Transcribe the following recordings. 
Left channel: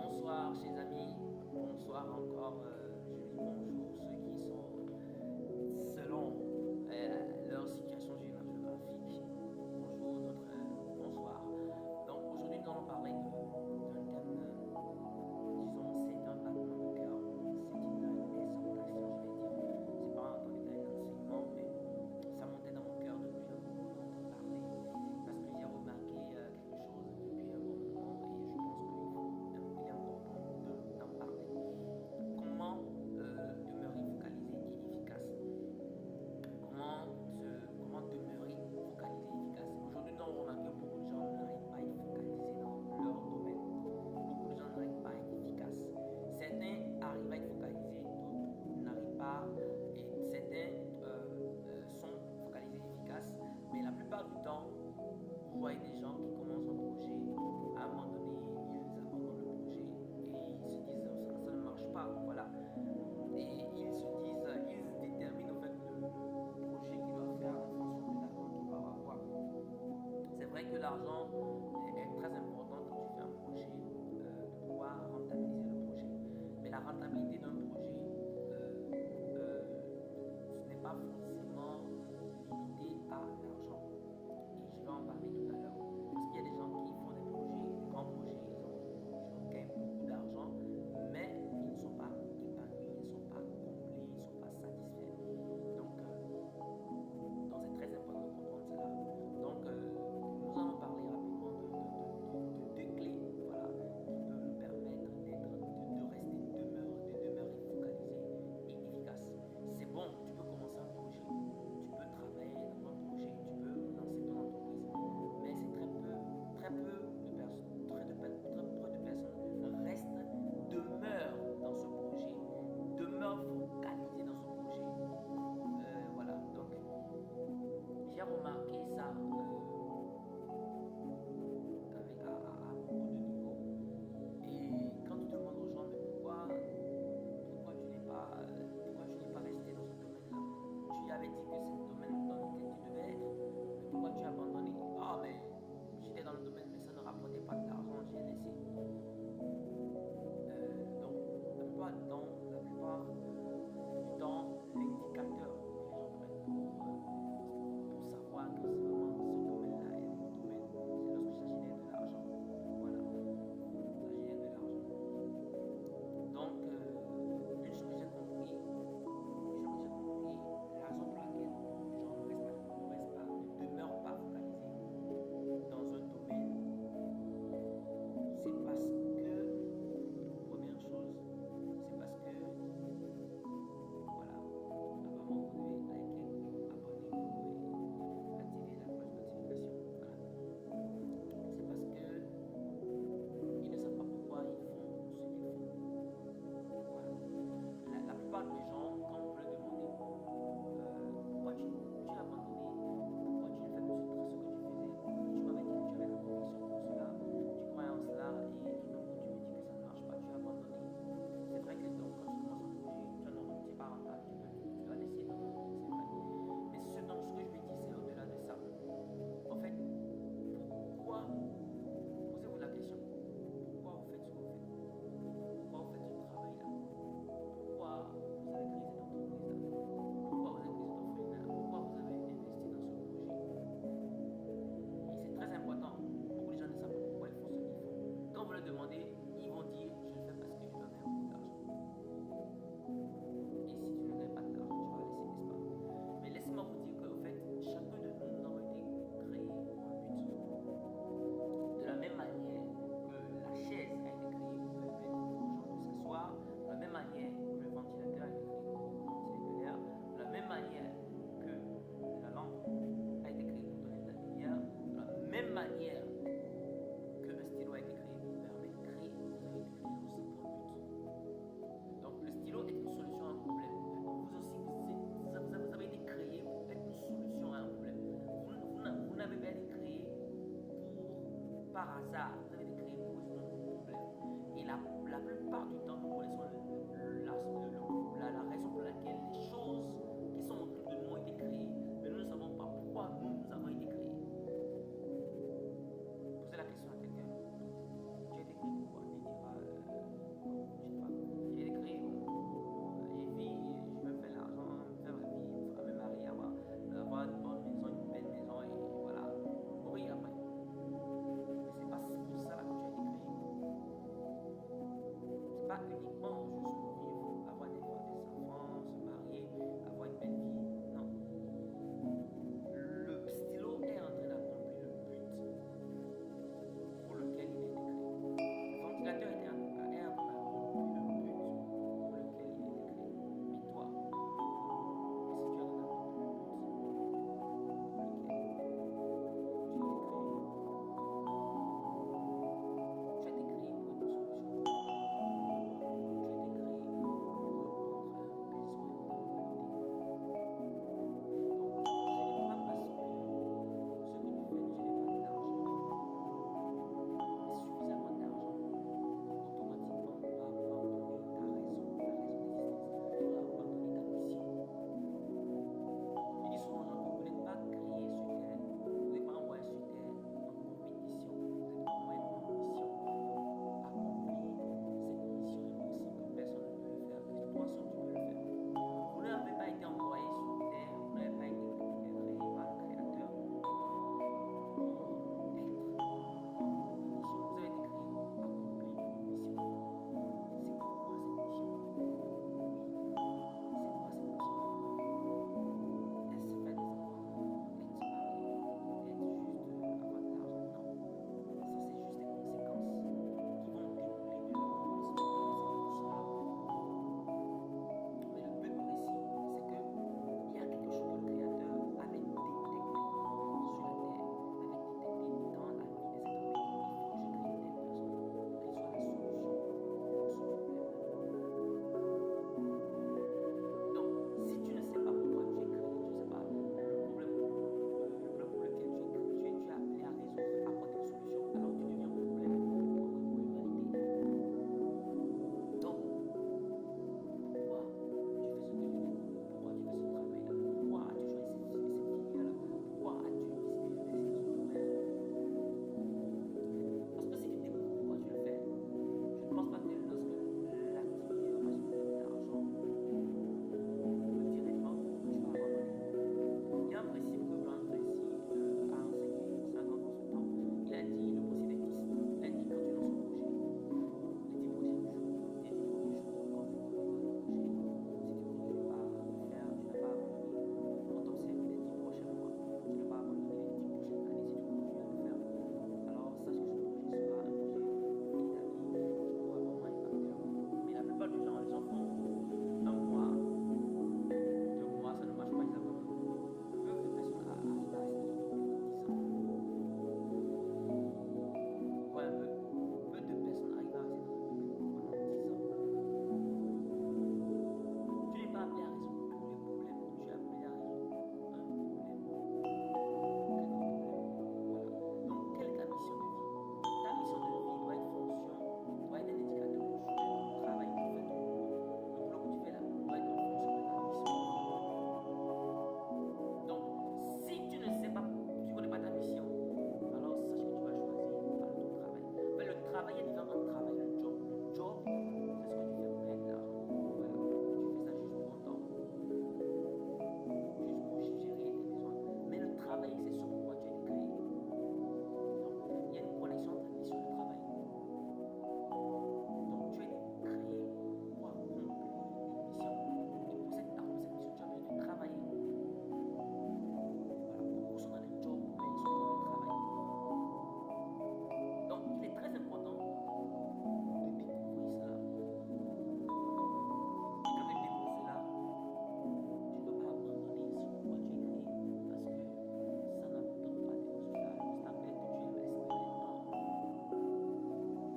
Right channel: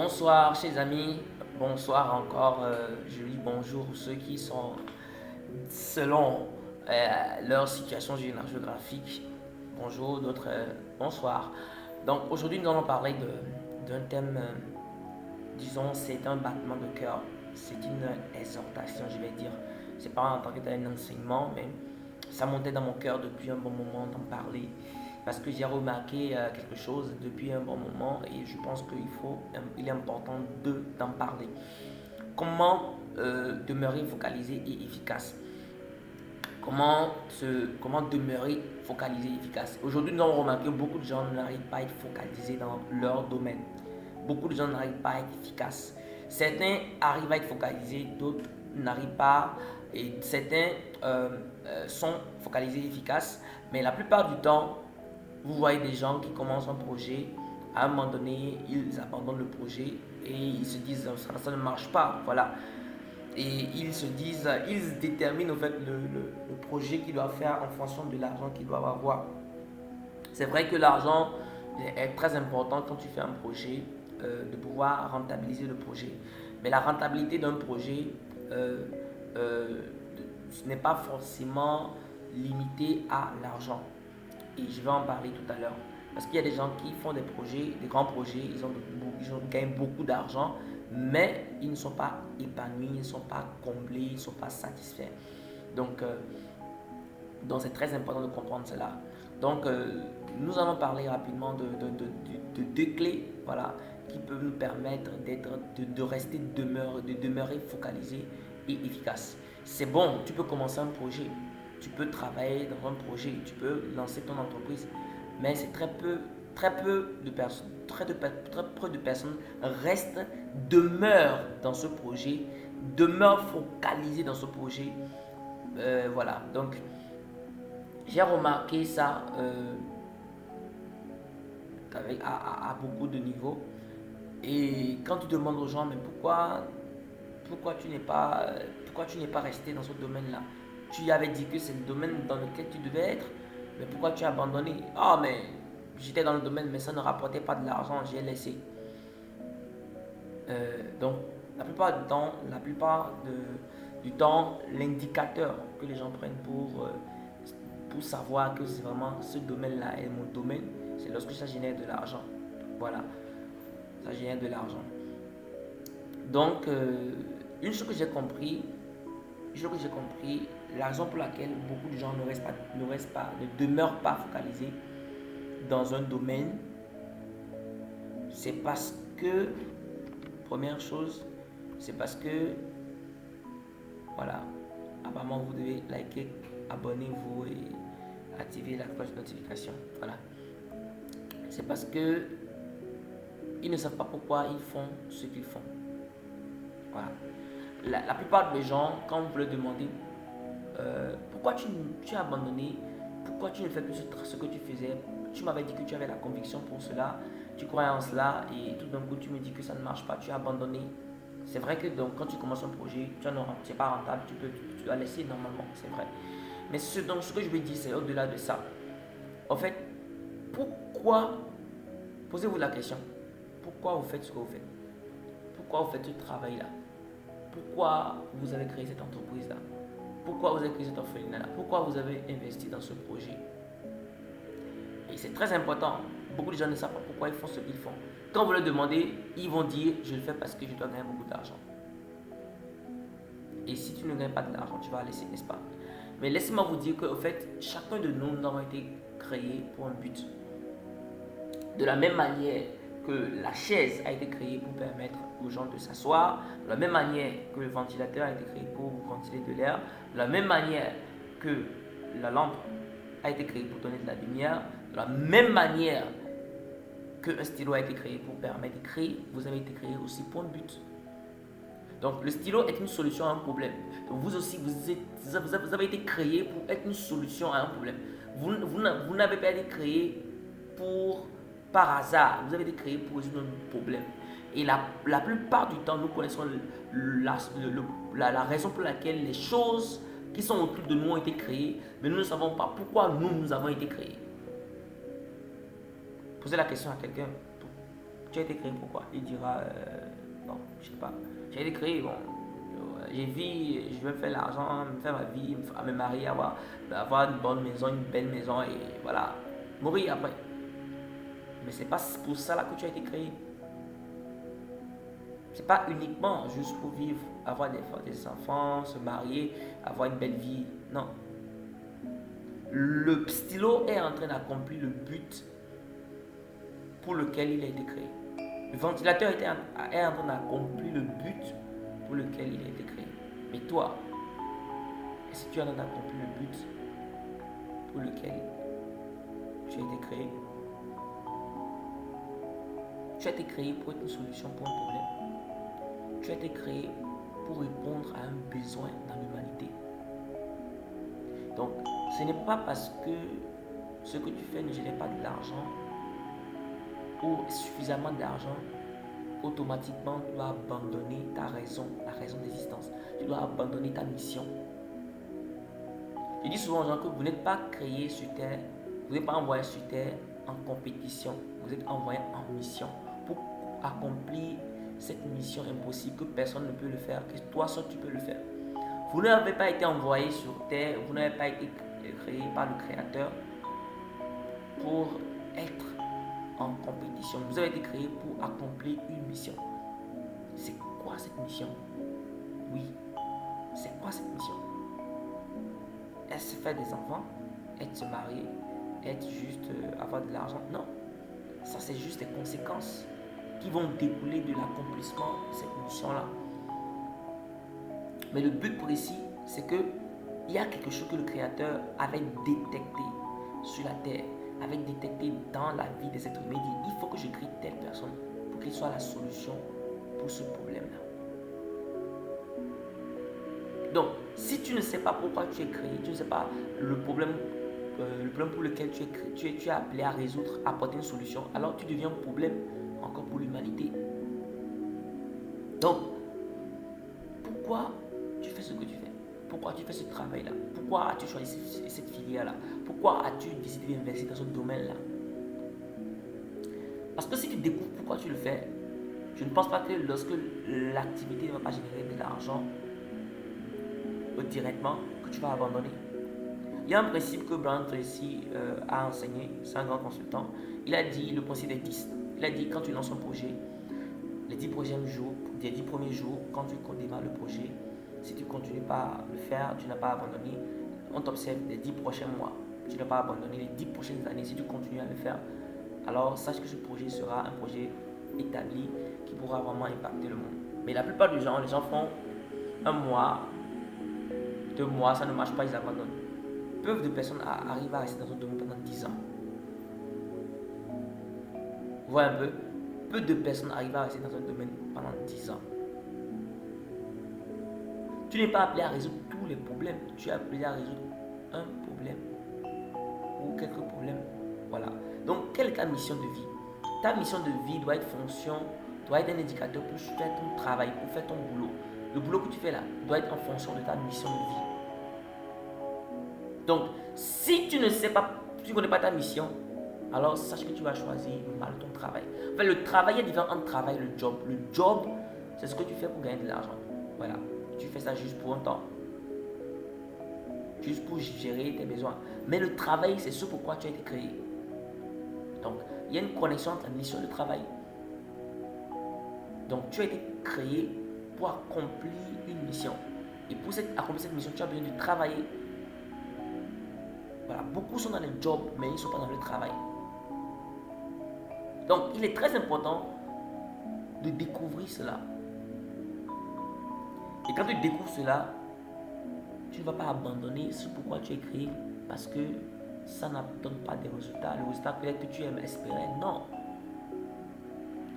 Bonsoir, chers amis. Bonsoir encore. Je dis bonjour à ceux qui sont selon leur situation géographique. Bonjour, d'autres bonsoir. Donc aujourd'hui, nous allons parler d'un thème, disons, c'est un battement de cœur. C'est une exhortation, je vais dire. C'est pas en tant que tel un enseignement, mais ça montait dans mon cœur depuis un bon moment d'en parler parce que j'ai remarqué quelque chose depuis un bon moment et je pense qu'il est important d'en parler. Comment demeurer focalisé et efficace? Comment demeurer focalisé et efficace? Aujourd'hui, nous avons remarqué que beaucoup de gens n'arrivent pas à être focalisés dans leur domaine. Beaucoup de gens n'arrivent pas à être efficaces. Certains arrivent à être focalisés, d'autres n'arrivent pas. Et certains sont focalisés et efficaces. Mais la plupart du temps, vous voyez des gens qui commencent un projet, à un moment donné, ils abandonnent le projet et ils se disent ça ne marche pas. Voilà. Et ils se disent, ils déterminent en fait le projet qu'ils doivent faire en fonction de l'argent qu'ils doivent avoir. C'est vrai que l'argent est très important quand tu fais un projet, de pouvoir rentabiliser le projet. Mais la rentabilité d'un projet, euh, euh, ce n'est pas forcément limité à l'argent. Et je vais en parler tout à l'heure. Parce qu'il y a des gens qui font des projets, des grands projets, ils gagnent beaucoup d'argent, mais ils ne sont pas épanouis, ils ne sont pas comblés, ils ne sont pas satisfaits. Donc, euh, donc c'est très important de comprendre cela. Donc, nous allons parler rapidement de deux clés, voilà, qui peuvent nous permettre de rester de demeurer focalisé et efficace. C'est bon, tu peux commencer un projet, tu peux travailler dans un projet, tu peux lancer ton entreprise, mais c'est très peu de personnes, très peu de personnes restent, demeurent dans ce projet, demeurent focalisées dans ce projet. Voilà, donc j'ai remarqué ça à beaucoup de niveaux. Et quand tu demandes aux gens, mais pourquoi pourquoi tu n'es pas resté dans ce domaine-là? Tu avais dit que c'est le domaine dans lequel tu devais être, mais pourquoi tu as abandonné? Ah, mais j'étais dans le domaine, mais ça ne rapportait pas de l'argent, j'ai laissé. Donc, du temps, l'indicateur que les gens prennent pour savoir que c'est vraiment ce domaine-là est mon domaine, c'est lorsque ça génère de l'argent. Voilà, ça génère de l'argent. Donc, une chose que j'ai compris, la raison pour laquelle beaucoup de gens ne demeurent pas focalisés dans un domaine, c'est parce que, première chose, c'est parce que, voilà, apparemment vous devez liker, abonnez-vous et activer la cloche de notification. Voilà. C'est parce que ils ne savent pas pourquoi ils font ce qu'ils font. Voilà. La plupart des gens, quand vous leur demandez pourquoi tu as abandonné, pourquoi tu ne fais plus ce que tu faisais, tu m'avais dit que tu avais la conviction pour cela, tu croyais en cela et tout d'un coup tu me dis que ça ne marche pas, tu as abandonné. C'est vrai que donc, quand tu commences un projet, tu n'es pas rentable, tu dois laisser normalement, c'est vrai. Mais ce que je veux dire, c'est au-delà de ça. En fait, pourquoi, posez-vous la question, pourquoi vous faites ce que vous faites? Pourquoi vous faites ce travail-là? Pourquoi vous avez créé cette entreprise-là? Pourquoi vous avez créé cette orphelinat-là? Pourquoi vous avez investi dans ce projet? Et c'est très important. Beaucoup de gens ne savent pas pourquoi ils font ce qu'ils font. Quand vous leur demandez, ils vont dire je le fais parce que je dois gagner beaucoup d'argent. Et si tu ne gagnes pas de l'argent, tu vas laisser, n'est-ce pas? Mais laissez-moi vous dire qu'en fait, chacun de nous avons été créés pour un but. De la même manière que la chaise a été créée pour permettre aux gens de s'asseoir, de la même manière que le ventilateur a été créé pour ventiler de l'air, de la même manière que la lampe a été créée pour donner de la lumière, de la même manière qu'un stylo a été créé pour permettre d'écrire, vous avez été créé aussi pour un but. Donc le stylo est une solution à un problème. Donc, vous aussi, vous avez été créé pour être une solution à un problème. Vous n'avez pas été créé pour par hasard. Vous avez été créé pour résoudre un problème. Et la plupart du temps, nous connaissons la raison pour laquelle les choses qui sont autour de nous ont été créées, mais nous ne savons pas pourquoi nous avons été créés. Posez la question à quelqu'un. tu as été créé pourquoi? Il dira, bon, je sais pas, j'ai été créé, bon, j'ai vu, je veux faire l'argent, faire ma vie, me marier, avoir une bonne maison, une belle maison et voilà, mourir après. Mais c'est pas pour ça là que tu as été créé. C'est pas uniquement juste pour vivre, avoir des enfants, se marier, avoir une belle vie. Non. Le stylo est en train d'accomplir le but pour lequel il a été créé. Le ventilateur est en train d'accomplir le but pour lequel il a été créé. Mais toi, est-ce que tu es en train d'accomplir le but pour lequel tu as été créé? Tu as été créé pour être une solution pour un problème. Tu as été créé pour répondre à un besoin dans l'humanité. Donc, ce n'est pas parce que ce que tu fais ne génère pas de l'argent ou suffisamment d'argent qu'automatiquement tu dois abandonner ta raison, la raison d'existence. Tu dois abandonner ta mission. Je dis souvent aux gens que vous n'êtes pas créé sur terre, vous n'êtes pas envoyé sur terre en compétition, vous êtes envoyé en mission pour accomplir cette mission impossible que personne ne peut le faire, que toi seul tu peux le faire. Vous n'avez pas été envoyé sur terre, vous n'avez pas été créé par le Créateur pour être en compétition. Vous avez été créé pour accomplir une mission. C'est quoi cette mission? Oui, c'est quoi cette mission? Est-ce faire des enfants? Être se marier? Être juste avoir de l'argent? Non. Ça, c'est juste des conséquences qui vont découler de l'accomplissement de cette mission-là. Mais le but précis, c'est que il y a quelque chose que le Créateur avait détecté sur la terre, avait détecté dans la vie des êtres humains. Il faut que je crée telle personne pour qu'il soit la solution pour ce problème-là. Donc, si tu ne sais pas pourquoi tu es créé, tu ne sais pas le problème pour lequel tu es appelé à résoudre, à apporter une solution, alors tu deviens un problème encore pour l'humanité. Donc, pourquoi tu fais ce que tu fais? Pourquoi tu fais ce travail-là? Pourquoi as-tu choisi cette filière-là? Pourquoi as-tu décidé d'investir dans ce domaine-là? Parce que si tu découvres pourquoi tu le fais, je ne pense pas que lorsque l'activité ne va pas générer de l'argent directement, que tu vas abandonner. Il y a un principe que Brian Tracy a enseigné, c'est un grand consultant. Il a dit le principe des 10. Il a dit quand tu lances un projet, les 10 premiers jours, quand tu démarres le projet, si tu ne continues pas à le faire, tu n'as pas abandonné, on t'observe les 10 prochains mois, tu n'as pas abandonné les 10 prochaines années, si tu continues à le faire, alors sache que ce projet sera un projet établi qui pourra vraiment impacter le monde. Mais la plupart des gens, les gens font un mois, 2 mois, ça ne marche pas, ils abandonnent. Peu de personnes arrivent à rester dans un domaine pendant 10 ans. Vous voyez un peu? Peu de personnes arrivent à rester dans un domaine pendant 10 ans. Tu n'es pas appelé à résoudre tous les problèmes. Tu es appelé à résoudre un problème ou quelques problèmes. Voilà. Donc, quelle est ta mission de vie? Ta mission de vie doit être un indicateur pour faire ton travail, pour faire ton boulot. Le boulot que tu fais là doit être en fonction de ta mission de vie. Donc, si tu ne sais pas, tu ne connais pas ta mission, alors sache que tu vas choisir mal ton travail. Enfin, le travail est différent entre travail et le job. Le job, c'est ce que tu fais pour gagner de l'argent. Voilà. Tu fais ça juste pour un temps. Juste pour gérer tes besoins. Mais le travail, c'est ce pourquoi tu as été créé. Donc, il y a une connexion entre la mission et le travail. Donc, tu as été créé pour accomplir une mission. Et pour accomplir cette mission, tu as besoin de travailler. Voilà, beaucoup sont dans le job, mais ils ne sont pas dans le travail. Donc, il est très important de découvrir cela. Et quand tu découvres cela, tu ne vas pas abandonner ce pourquoi tu es créé parce que ça ne donne pas des résultats. Le résultat peut-être que tu aimes espérer. Non.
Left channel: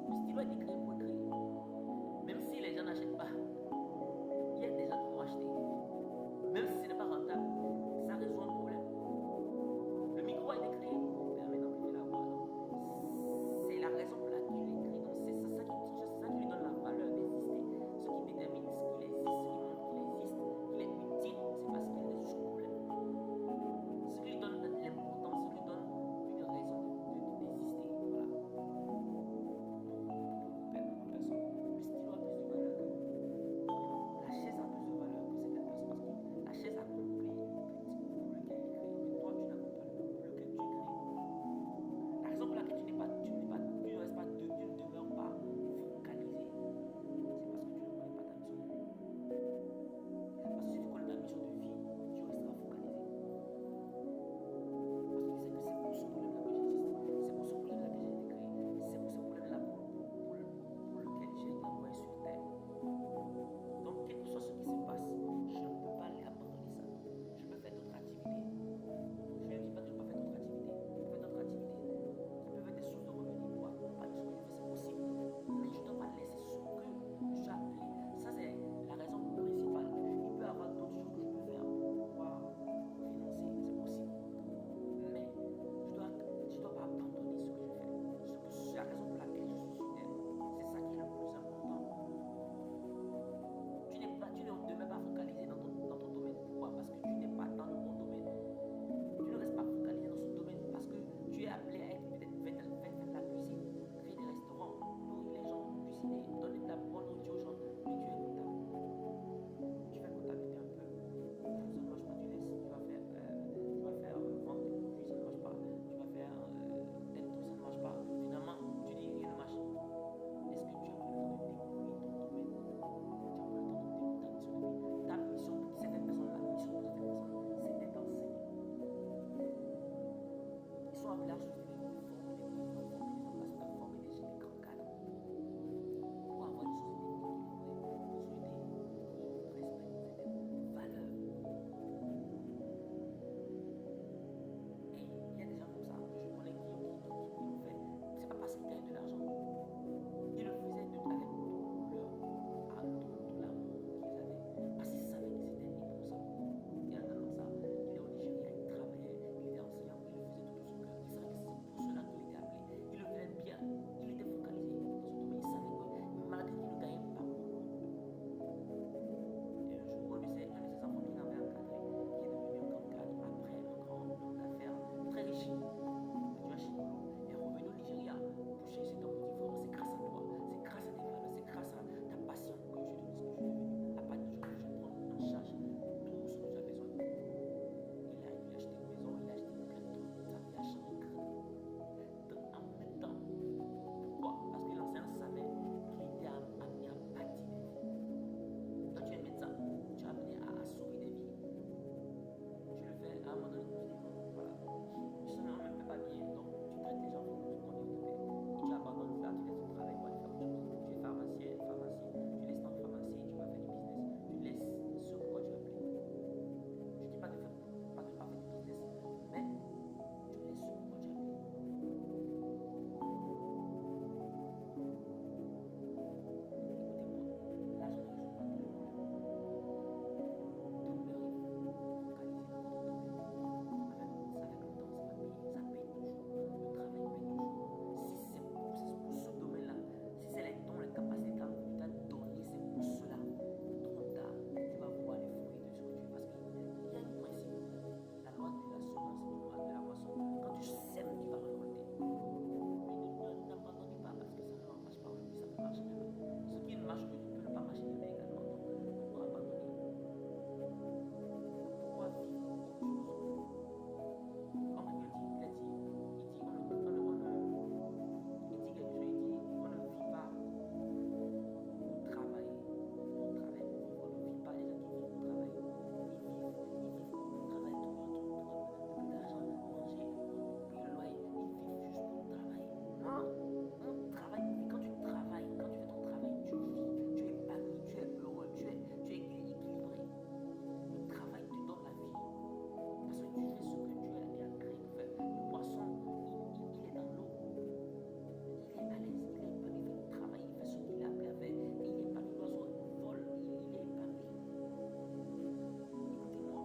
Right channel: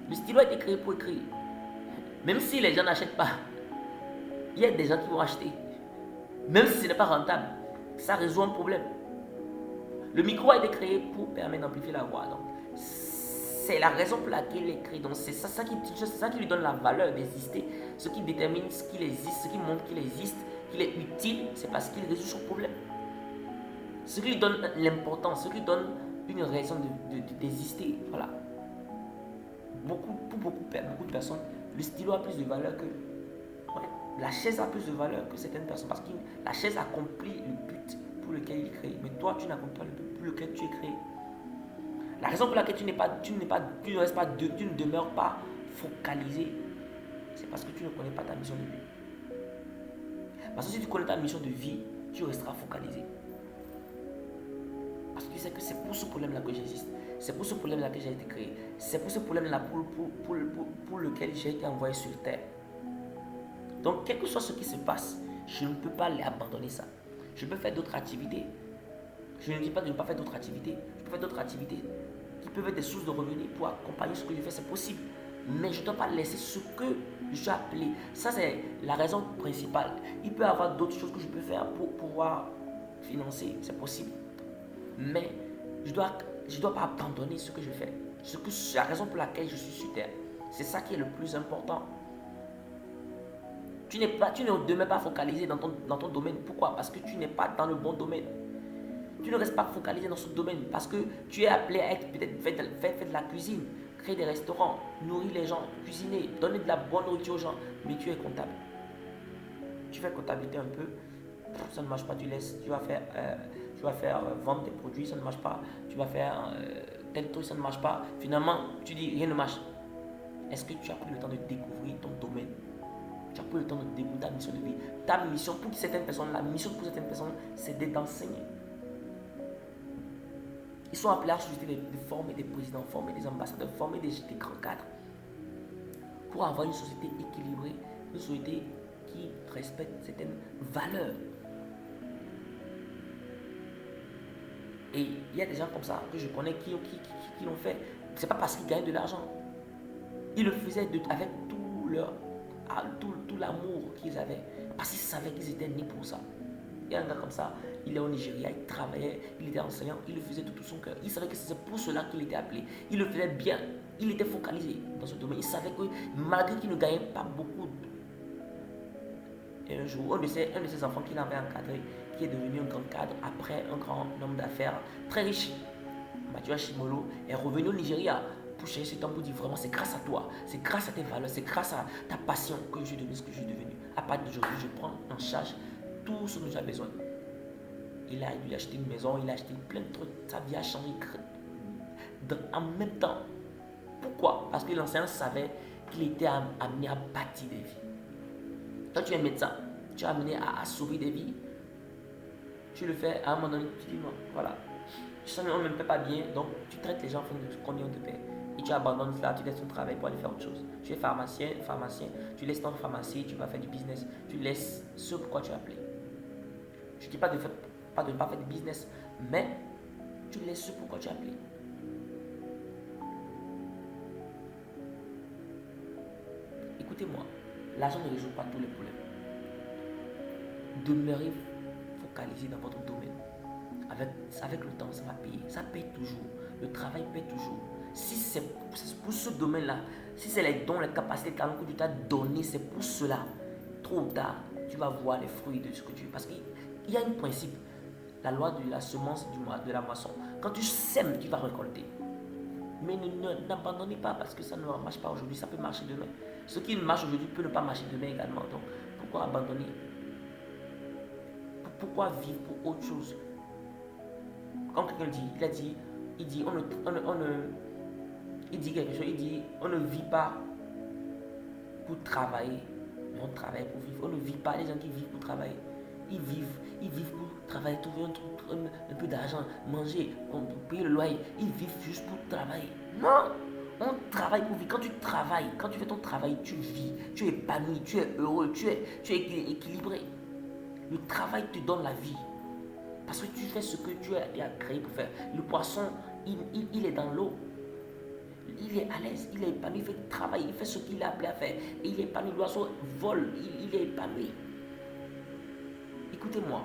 Le stylo a été créé pour écrire. Même si les gens n'achètent pas, il y a des gens qui vont acheter. Même si ce n'est pas rentable, ça résout un problème. Le micro a été créé pour permettre d'amplifier la voix. Donc, c'est la raison pour laquelle il est créé. Donc, c'est ça qui lui donne la valeur d'exister. Ce qui détermine ce qu'il existe, ce qui montre qu'il existe, qu'il est utile, c'est parce qu'il résout son problème. Ce qui lui donne l'importance, ce qui lui donne une raison d'exister. Voilà. Beaucoup beaucoup de personnes, le stylo a plus de valeur que... Ouais, la chaise a plus de valeur que certaines personnes parce que la chaise accomplit le but pour lequel il est créé. Mais toi, tu n'accomplis pas le but pour lequel tu es créé. La raison pour laquelle tu ne demeures pas focalisé, c'est parce que tu ne connais pas ta mission de vie. Parce que si tu connais ta mission de vie, tu resteras focalisé. Parce que tu sais que c'est pour ce problème-là que j'existe. C'est pour ce problème-là que j'ai été créé. C'est pour ce problème-là pour lequel j'ai été envoyé sur terre. Donc, quel que soit ce qui se passe, je ne peux pas abandonner ça. Je peux faire d'autres activités. Je ne dis pas de ne pas faire d'autres activités. Je peux faire d'autres activités qui peuvent être des sources de revenus pour accompagner ce que je fais, c'est possible. Mais je ne dois pas laisser ce que j'ai appelé. Ça, c'est la raison principale. Il peut y avoir d'autres choses que je peux faire pour pouvoir financer, c'est possible. Mais je ne dois pas abandonner ce que je fais. C'est la raison pour laquelle je suis sur terre. C'est ça qui est le plus important. Tu ne demeures pas focalisé dans ton domaine. Pourquoi? Parce que tu n'es pas dans le bon domaine. Tu ne restes pas focalisé dans ce domaine parce que tu es appelé à être peut-être faire de la cuisine, créer des restaurants, nourrir les gens, cuisiner, donner de la bonne nourriture aux gens. Mais tu es comptable. Tu fais comptabilité un peu, ça ne marche pas, tu laisses. Tu vas faire vendre tes produits, ça ne marche pas. Tu vas faire tel truc, ça ne marche pas. Finalement, tu dis rien ne marche. Est-ce que tu as pris le temps de découvrir ton domaine? Tu as pris le temps de découvrir ta mission de vie. Ta mission pour certaines personnes, la mission pour certaines personnes, c'est d'enseigner. Ils sont appelés à susciter de former des présidents, former des ambassadeurs, former des grands cadres. Pour avoir une société équilibrée, une société qui respecte certaines valeurs. Et il y a des gens comme ça que je connais qui l'ont fait. C'est pas parce qu'ils gagnaient de l'argent. Ils le faisaient avec tout l'amour qu'ils avaient. Parce qu'ils savaient qu'ils étaient nés pour ça. Il y a un gars comme ça, il est au Nigeria, il travaillait, il était enseignant, il le faisait de tout son cœur. Il savait que c'est pour cela qu'il était appelé. Il le faisait bien, il était focalisé dans ce domaine. Il savait que malgré qu'il ne gagnait pas beaucoup, et un jour, un de ses enfants qu'il avait encadré, qui est devenu un grand cadre, après un grand homme d'affaires très riche, Mathieu Ashimolo, est revenu au Nigeria pour chercher ce temps pour dire vraiment c'est grâce à toi, c'est grâce à tes valeurs, c'est grâce à ta passion que je suis devenu ce que je suis devenu. À partir d'aujourd'hui, je prends en charge tout ce dont j'ai besoin. Il a acheté une maison, il a acheté plein de trucs, sa vie a changé en même temps. Pourquoi? Parce que l'enseignant savait qu'il était amené à bâtir des vies. Quand tu es médecin, tu es amené à sauver des vies. Tu le fais à un moment donné, tu dis non, voilà. Tu sens qu'on ne me fait pas bien, donc tu traites les gens combien on te paie. Et tu abandonnes cela, tu laisses ton travail pour aller faire autre chose. Tu es pharmacien, tu laisses ton pharmacie, tu vas faire du business. Tu laisses ce pourquoi tu es appelé. Je ne dis pas de ne pas faire de business, mais tu laisses ce pourquoi tu es appelé. Écoutez-moi, l'argent ne résout pas tous les problèmes. Demeurez focalisé dans votre domaine. Avec le temps, ça va payer. Ça paye toujours. Le travail paye toujours. Si c'est pour ce domaine-là, si c'est les dons, les capacités, les talents que Dieu t'a donné, c'est pour cela. Tôt ou tard, tu vas voir les fruits de ce que tu veux. Parce qu'il y a un principe, la loi de la semence de la moisson. Quand tu sèmes, tu vas récolter. Mais n'abandonnez pas parce que ça ne marche pas aujourd'hui, ça peut marcher demain. Ce qui marche aujourd'hui peut ne pas marcher demain également. Donc, pourquoi abandonner? Pourquoi vivre pour autre chose? Quand quelqu'un dit, il dit quelque chose, il dit, on ne vit pas pour travailler, mais on travaille pour vivre. On ne vit pas, les gens qui vivent pour travailler, ils vivent pour travailler, trouver un peu d'argent, manger, pour payer le loyer, ils vivent juste pour travailler. Non, on travaille pour vivre. Quand tu travailles, quand tu fais ton travail, tu vis, tu es épanoui, tu es heureux, tu es équilibré. Le travail te donne la vie. Parce que tu fais ce que Dieu a créé pour faire. Le poisson, il est dans l'eau. Il est à l'aise, il est épanoui, il fait le travail, il fait ce qu'il est appelé à faire. Et il est épanoui, l'oiseau vole, il est épanoui. Écoutez-moi,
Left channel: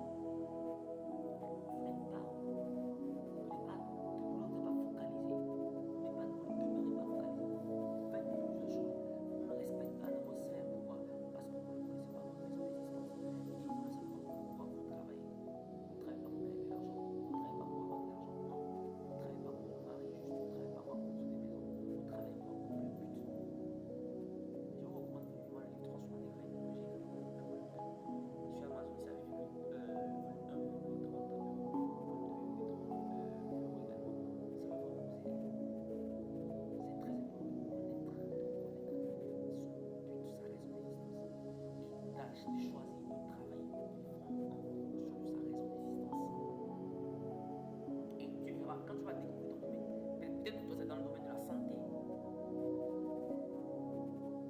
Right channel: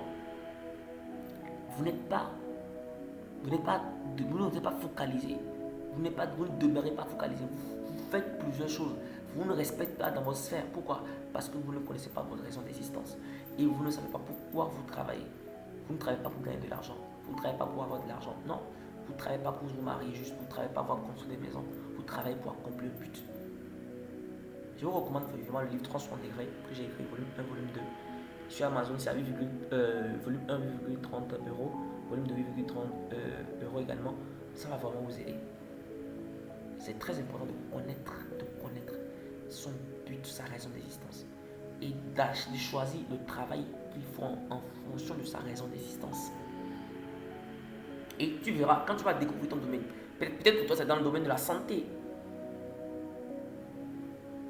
vous n'êtes pas focalisé. Vous ne demeurez pas focalisé. Vous faites plusieurs choses. Vous ne respectez pas dans votre sphère. Pourquoi? Parce que vous ne connaissez pas votre raison d'existence. Et vous ne savez pas pourquoi vous travaillez. Vous ne travaillez pas pour gagner de l'argent. Vous ne travaillez pas pour avoir de l'argent. Non. Vous ne travaillez pas pour vous marier juste. Vous ne travaillez pas pour construire des maisons. Vous travaillez pour accomplir le but. Je vous recommande vivement le livre 360 degrés que j'ai écrit, volume 1, volume 2. Sur Amazon, c'est à volume 1,30 euros, volume 2,30 euros également. Ça va vraiment vous aider. C'est très important de connaître son but, sa raison d'existence. Et de choisir le travail qu'il faut en fonction de sa raison d'existence. Et tu verras, quand tu vas découvrir ton domaine, peut-être pour toi c'est dans le domaine de la santé.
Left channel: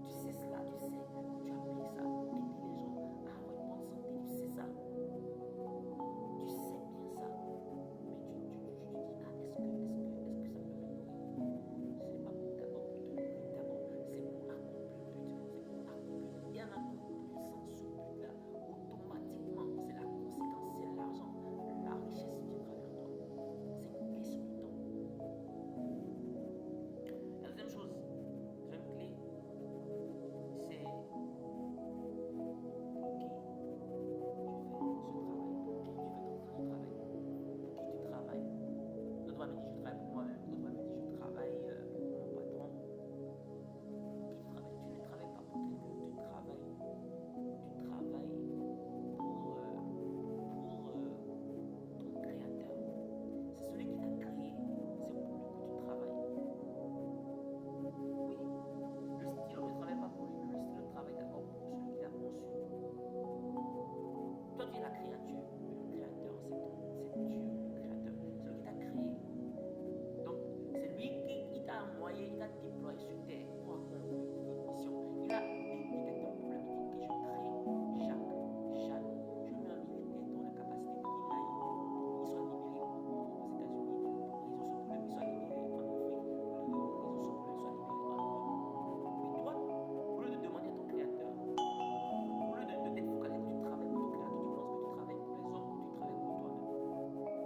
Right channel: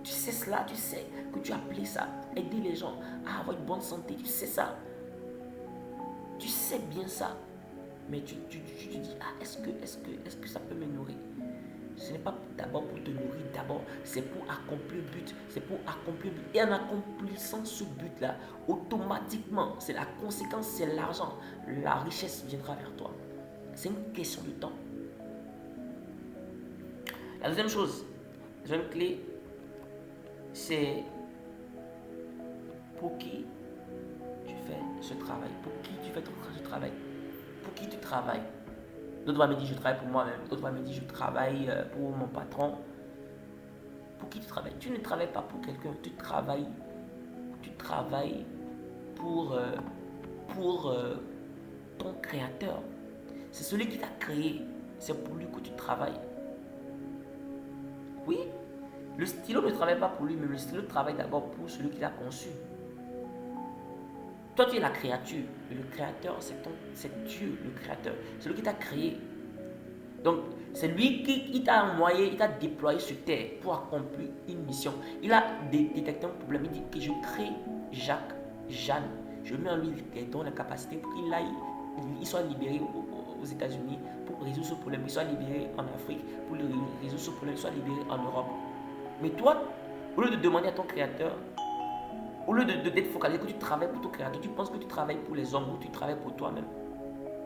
Tu sais cela, tu sais que tu as appelé ça, aider les gens à avoir une bonne santé, tu sais ça. Tu sais bien ça. Mais tu te dis, ah, est-ce que ça peut me nourrir? Ce n'est pas d'abord pour te nourrir, d'abord c'est pour accomplir le but. C'est pour accomplir le but. Et en accomplissant ce but-là, automatiquement, c'est la conséquence, c'est l'argent. La richesse viendra vers toi. C'est une question de temps. La deuxième chose, la deuxième clé, c'est pour qui tu fais ce travail. Pour qui tu fais ce travail. Pour qui tu travailles. D'autres vont me dire je travaille pour moi-même. D'autres vont me dire je travaille pour mon patron. Pour qui tu travailles? Tu ne travailles pas pour quelqu'un. Tu travailles pour ton créateur. C'est celui qui t'a créé. C'est pour lui que tu travailles. Oui, le stylo ne travaille pas pour lui, mais le stylo travaille d'abord pour celui qui l'a conçu. Toi, tu es la créature, mais le créateur, c'est Dieu, le créateur. C'est lui qui t'a créé. Donc, c'est lui qui t'a envoyé, il t'a déployé sur terre pour accomplir une mission. Il a détecté un problème. Il dit que je crée Jacques, Jeanne. Je mets en lui les dons, la capacité pour qu'il soit libéré aux États-Unis pour résoudre ce problème. Il soit libéré en Afrique pour résoudre ce problème. Il soit libéré en Europe. Mais toi, au lieu de demander à ton créateur, au lieu d'être focalisé que tu travailles pour ton créateur, tu penses que tu travailles pour les hommes ou tu travailles pour toi-même.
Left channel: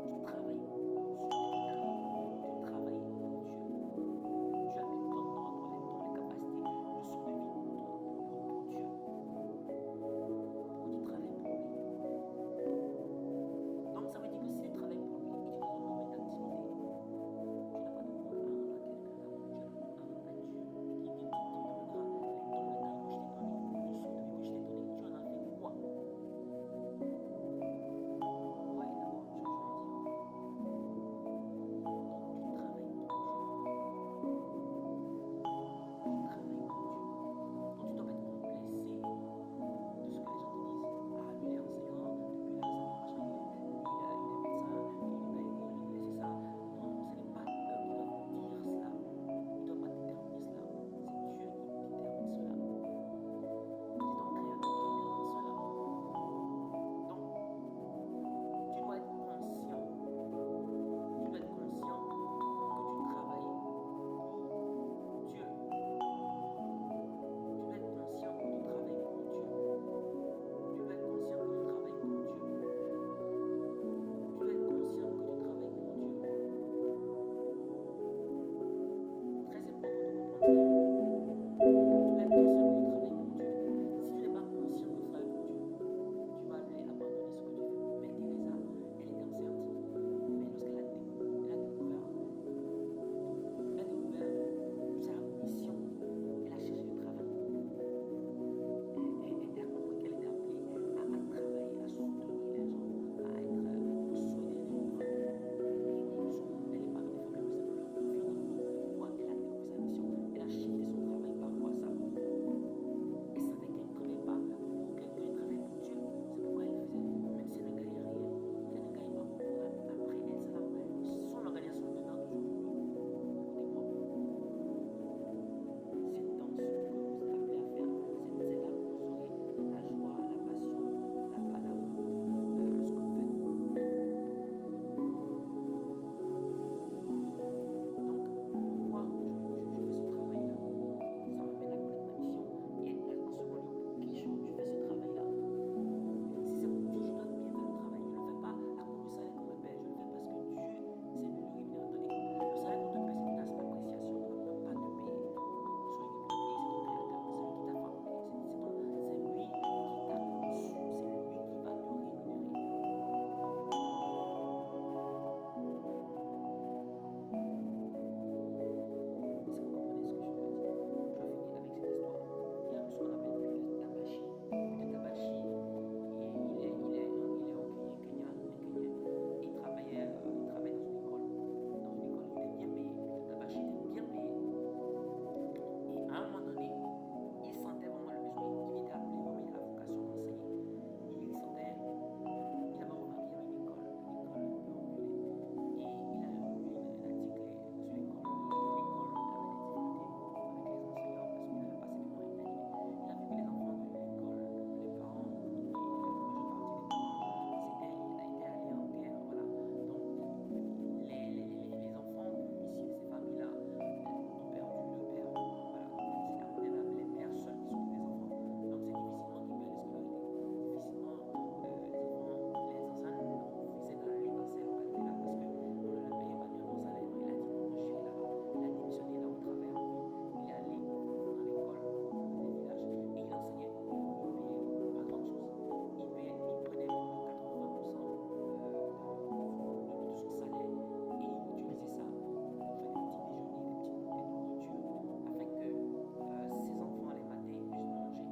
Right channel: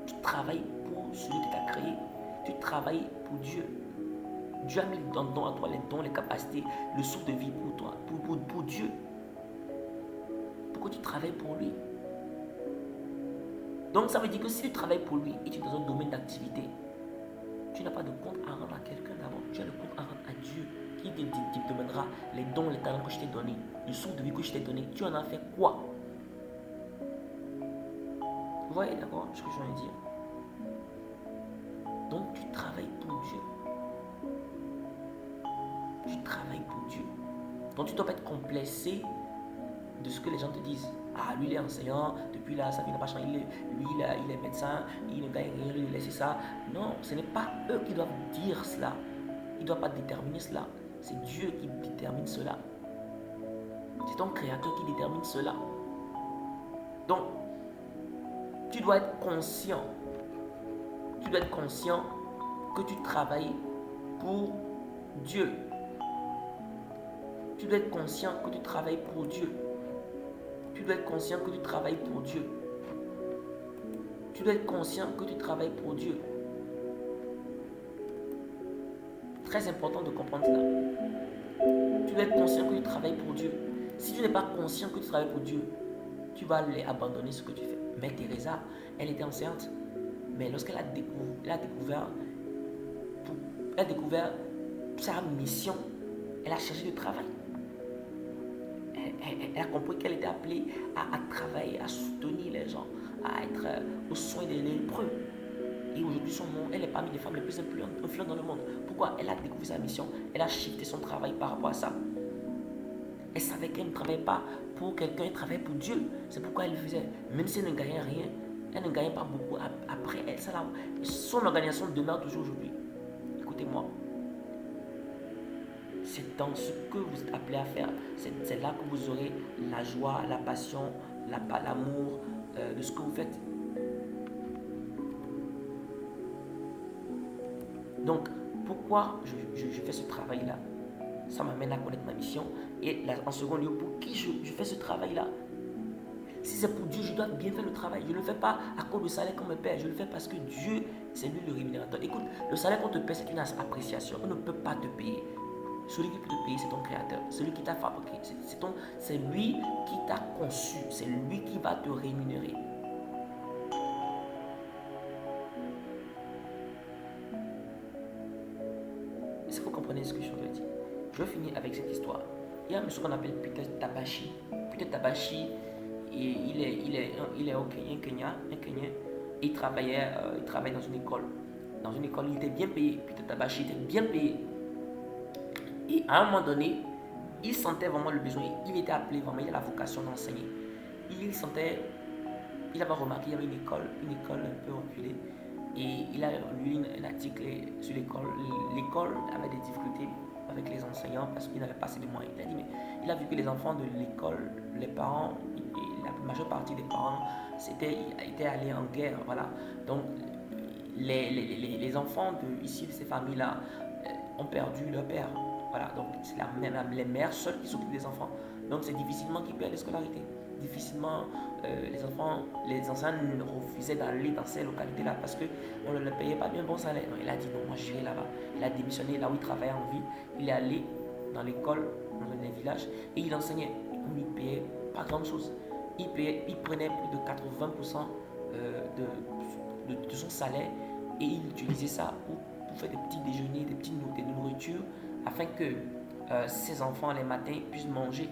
Tu travailles pour celui qui t'a créé. Tu travailles pour Dieu. Dieu a mis dans à toi les dons, les capacités, le souffle de vie pour toi, pour Dieu. Pourquoi tu travailles pour lui? Donc ça veut dire que si tu travailles pour lui et tu es dans un domaine d'activité, tu n'as pas de compte à rendre à quelqu'un d'abord. Tu as le compte à rendre à Dieu qui te demandera les dons, les talents que je t'ai donnés, le souffle de vie que je t'ai donné. Tu en as fait quoi? Vous voyez d'accord ce que je viens de dire? Donc tu travailles pour Dieu. Tu travailles pour Dieu. Donc tu ne dois pas être complexé de ce que les gens te disent. Ah, lui il est enseignant, depuis là, sa vie n'a pas changé, lui il est médecin, il ne gagne rien, lui il laisse ça. Non, ce n'est pas eux qui doivent dire cela. Ils ne doivent pas déterminer cela. C'est Dieu qui détermine cela. C'est ton créateur qui détermine cela. Donc, tu dois être conscient. Tu dois être conscient que tu travailles pour Dieu. Tu dois être conscient que tu travailles pour Dieu. Tu dois être conscient que tu travailles pour Dieu. Tu dois être conscient que tu travailles pour Dieu. Très important de comprendre cela. Tu dois être conscient que tu travailles pour Dieu. Si tu n'es pas conscient que tu travailles pour Dieu, tu vas aller abandonner ce que tu fais. Mère Teresa, elle était enceinte, mais lorsqu'elle a découvert sa mission, elle a cherché du travail. Elle a compris qu'elle était appelée à travailler, à soutenir les gens, à être aux soins des lépreux. Et aujourd'hui, elle est parmi les femmes les plus influentes dans le monde. Pourquoi? Elle a découvert sa mission, elle a shifté son travail par rapport à ça. Elle savait qu'elle ne travaillait pas pour quelqu'un, elle travaillait pour Dieu. C'est pourquoi elle le faisait. Même si elle ne gagnait rien, elle ne gagnait pas beaucoup. Après elle, son organisation demeure toujours aujourd'hui. Écoutez-moi. C'est dans ce que vous êtes appelé à faire. C'est là que vous aurez la joie, la passion, l'amour de ce que vous faites. Donc, pourquoi je fais ce travail-là? Ça m'amène à connaître ma mission. Et là, en second lieu, pour qui je fais ce travail-là? Si c'est pour Dieu, je dois bien faire le travail. Je ne le fais pas à cause du salaire qu'on me paie. Je le fais parce que Dieu, c'est lui le rémunérateur. Écoute, le salaire qu'on te paie, c'est une appréciation. On ne peut pas te payer. Celui qui peut te payer, c'est ton créateur. Celui qui t'a fabriqué. C'est lui qui t'a conçu. C'est lui qui va te rémunérer. Est-ce que vous comprenez ce que je veux dire? Je vais finir avec cette histoire. Il y a un monsieur qu'on appelle Peter Tabashi. Peter Tabashi, il est au Kenya, un Kenyan. Il travaille dans une école. Dans une école, il était bien payé. Peter Tabashi était bien payé. Et à un moment donné, il sentait vraiment le besoin. Il était appelé vraiment, il a la vocation d'enseigner. Il sentait, il avait remarqué qu'il y avait une école un peu reculée. Et il a lu un article sur l'école. L'école avait des difficultés avec les enseignants parce qu'ils n'avaient pas assez de moyens. Il a dit, mais il a vu que les enfants de l'école, les parents, et la majeure partie des parents étaient allés en guerre. Voilà. Donc, les enfants de ici, de ces familles-là, ont perdu leur père. Voilà. Donc, c'est les mères seules qui s'occupent des enfants. Donc, c'est difficilement qu'ils perdent la scolarité. Difficilement, les enseignants refusaient d'aller dans ces localités-là parce qu'on ne leur payait pas bien bon salaire. Donc, il a dit non, moi j'irai là-bas. Il a démissionné là où il travaillait en ville. Il est allé dans l'école, dans les villages, et il enseignait. On ne lui payait pas grand-chose. Il prenait plus de 80% de son salaire et il utilisait ça pour faire des petits déjeuners, des nourritures afin que ses enfants les matins puissent manger.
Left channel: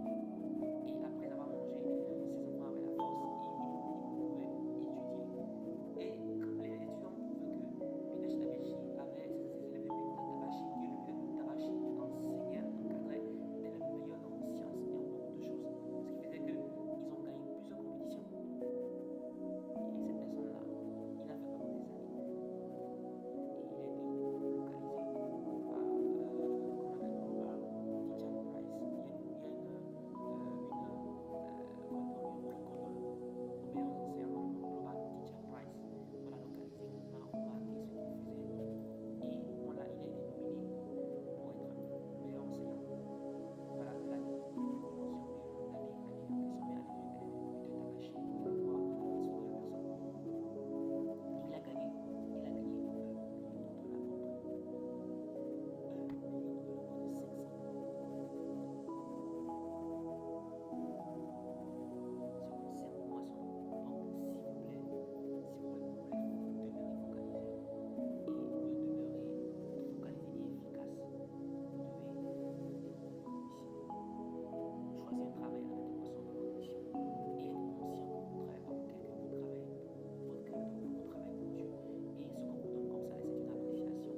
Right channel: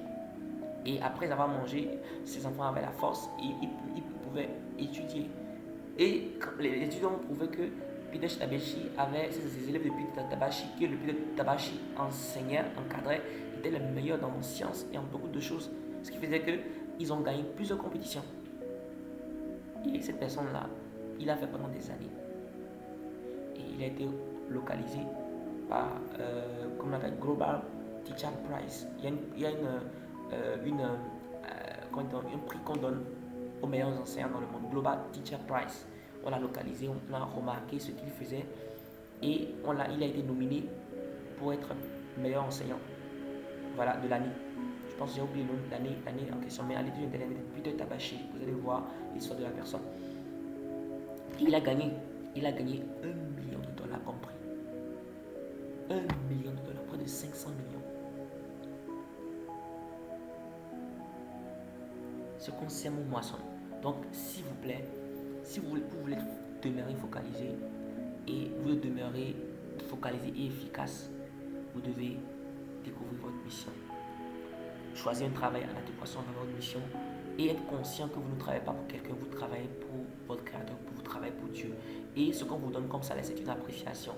Et après avoir mangé, ses enfants avaient la force et ils pouvaient étudier. Et les étudiants ont prouvé que Peter Tabashi avait ses élèves de Peter Tabashi, que le Peter Tabashi enseignait, encadrait, était le meilleur dans les sciences et en beaucoup de choses. Ce qui faisait qu'ils ont gagné plusieurs compétitions. Et cette personne-là, il a fait pendant des années. Et il a été localisé par, comme on appelle, Global Teacher Prize. Il y a un prix qu'on donne aux meilleurs enseignants dans le monde, Global Teacher Prize. On l'a localisé, on a remarqué ce qu'il faisait et il a été nominé pour être meilleur enseignant, voilà, de l'année. Je pense que j'ai oublié l'année en question, mais allez sur internet, Peter Tabashi, vous allez voir l'histoire de la personne. Il a gagné $1 million comme prix. $1 million, près de 500 millions. Ce qu'on sème ou moissonne. Donc, s'il vous plaît, si vous voulez demeurer focalisé et vous demeurez focalisé et efficace, vous devez découvrir votre mission. Choisir un travail en adéquation avec votre mission et être conscient que vous ne travaillez pas pour quelqu'un, vous travaillez pour votre créateur, vous travaillez pour Dieu. Et ce qu'on vous donne comme salaire, c'est une appréciation.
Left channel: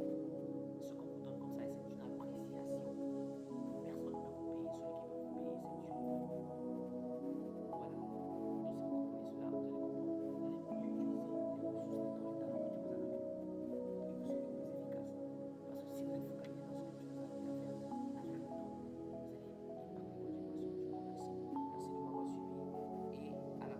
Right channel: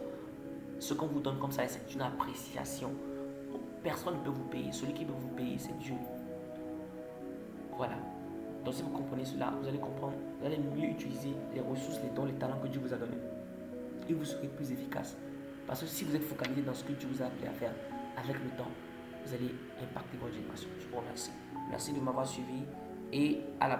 Ce qu'on vous donne comme salaire, c'est une appréciation. Personne ne peut vous payer. Celui qui peut vous payer, c'est Dieu. Voilà. Donc si vous comprenez cela, vous allez comprendre, vous allez mieux utiliser les ressources, les dons, les talents que Dieu vous a donnés. Et vous serez plus efficace. Parce que si vous êtes focalisé dans ce que Dieu vous a appelé à faire, avec le temps, vous allez impacter votre génération. Je vous remercie. Merci de m'avoir suivi et à la